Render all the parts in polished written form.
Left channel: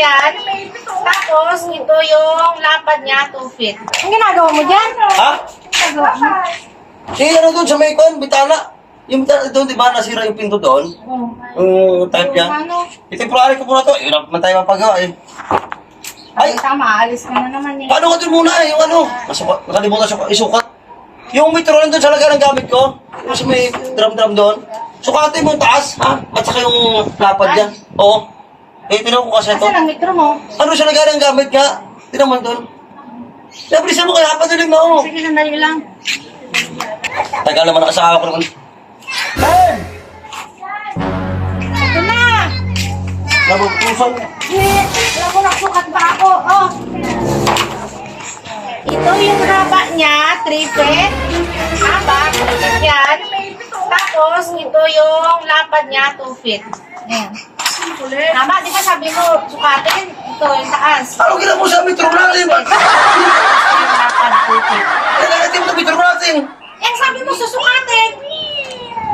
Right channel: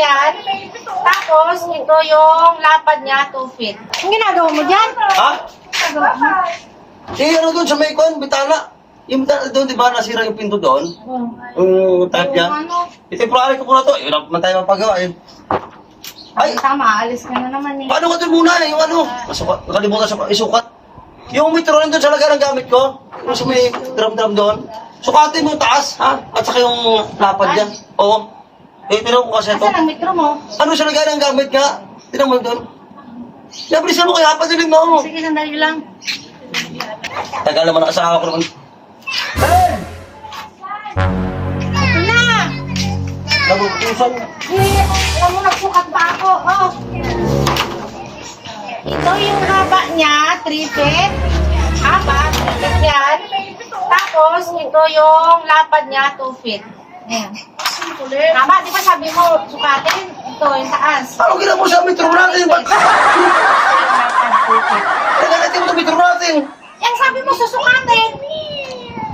ganyan. Tapos, ito yung lapad niya, 2 feet. Ang ginagawa mo dyan? Ha? Ginagawa mo? Eh, ano doon sa may kon, bitana. Yung bitana doon, di ba, nasira yung pinto doon? Yung type niya. I-temporary ko muna to. Yun naman tayo mapagawa eh. Ay, Tama, alis ka na naman eh. paano ka doon muna eh? Yung ano? Nakalimutan isukat. Yung metro rin doon sa lagay ng gamit ko. Yung sa may drum-drum doon. Sukatin mo yung taas, ha? At saka yung lapad dyan. Oo. Eh, tinan ko kasi ito. Asan ang metro mo? Ano sa lagay ng gamit nga? Tinan mo doon. Nabilisan mo kaya, padaling mo. Sige, sandali lang. Tagal naman ang asawa ko naman. Ben! Ito na! Nabutusan. Eh, alam mo, nagsukat pa ako. Oh. Ito yung haba niya, 3 feet. Haba, ganyan. Tapos, ito yung lapad niya, 2 feet. Ayan. Haba, di ba sabi mo, sukatin? Ito, yung taas. Ano gila mo sa metro natin? Yung lapad, 2 feet. Kaya natin mo sa metro natin. Yan, sabi mo, susukatin.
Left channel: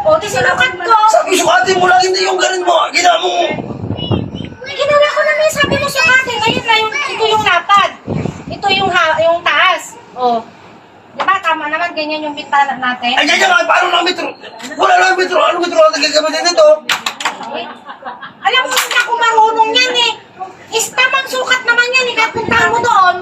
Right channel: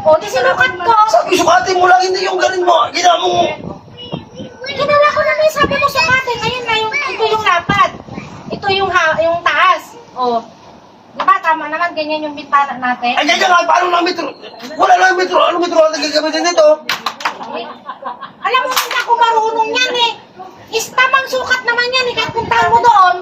O, di sinukat ko. Sabi, sukatin mo lang, hindi yung ganin mo. Gila mo. Ginawa ko naman, sabi mo sukatin. Ngayon na, ito yung lapad. Ito yung taas. O. Di ba, tama naman, ganyan yung bintana natin. Ay, ganyan nga, paano lang metro? Wala lang metro. Ano metro natin gagamitin dito? Eh, alam mo, hindi ako marunong yan eh. Is tamang sukat naman yan eh. Kahit puntahan mo doon,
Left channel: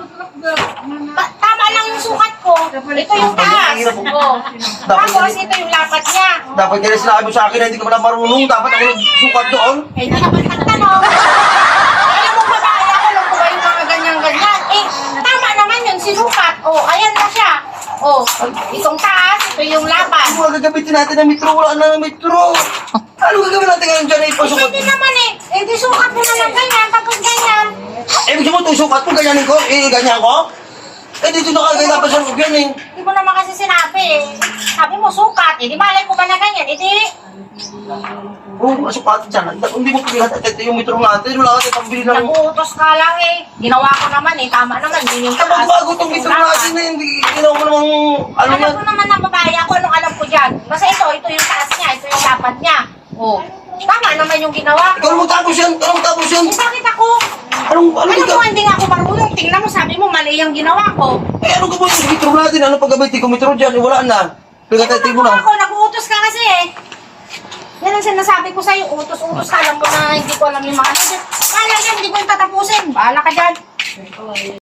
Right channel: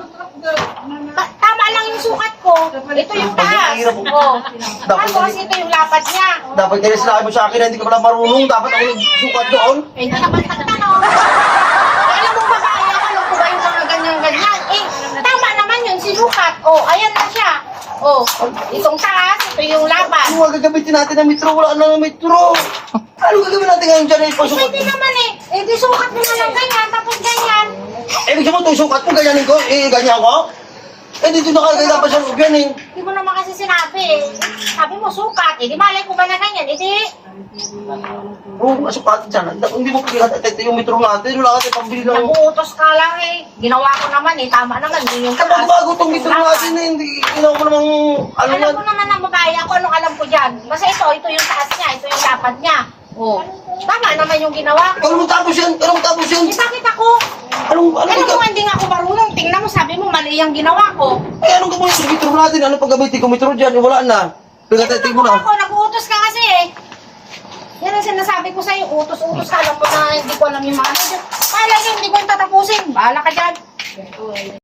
tama lang yung sukat ko. Ito yung taas. O. Tapos, ito yung lapad niya. Dapat kaya sinabi mo sa akin na hindi ka pala marunong. Dapat ako nagsukat doon. Eh, hindi ka ba nagtanong? Alam mo, babae ako, alam ko ba yung mga ganyan-ganyan? Eh, tama naman yun, sinukat. O, ayan na siya. O, itong taas, ito yung lapad. Ano nga gagamitin natin ng metro? Wala na ng metro. Ano gagawin natin ngayon dyan na ipasukat? Hindi naman eh. Eh, di sukat mo na lang ganyan, tapos ganyan. Eh, ibig mo ito, sukat mo, ganyanin ko. Eh, ganyan ko. Eh, dito na kagay dapat sa loob yan eh. Hindi mo naman kasi sinabi eh. Sabi mo, sukat. Eh, di malay ko ba na ganyan? Eh, di, Oo, masukatin dyan. Hindi mo pagkilat at ito yung metro natin. Wala ka tayo pambili ng... nag-uutos ka lang eh. Ginawa ko naman eh. Tama naman. Yun yung Kapag bago itong metro natin eh, hindi ginawa mo namang... Ano Alam yan? ko naman ang babae ako. Anong alam ko dyan? Basta ito yung taas niya. Ito yung lapad niya. Oh. Tama naman yung ginawa ko. Ikaw mo tapos yan! Ikaw mo tapos yan! Eh, bakit ako? Anong Alam ikaw? mo, hindi nga ako marunong. Tingnan mo, sabi mo, mali yung ginawa ko. Eh, anong gawin sa metro natin? Ano pag-gamitin ko metro dyan? Eh, wala na. Kaya tayo mo na. Ako, nag-uutos ka kasi eh. Yan ang sinasabi ko sa'yo, utos-utos ka. Alam ko na hindi ko alam yung mga ano. Kala yan, hindi ko yung tatapusin. Bahala ka dyan.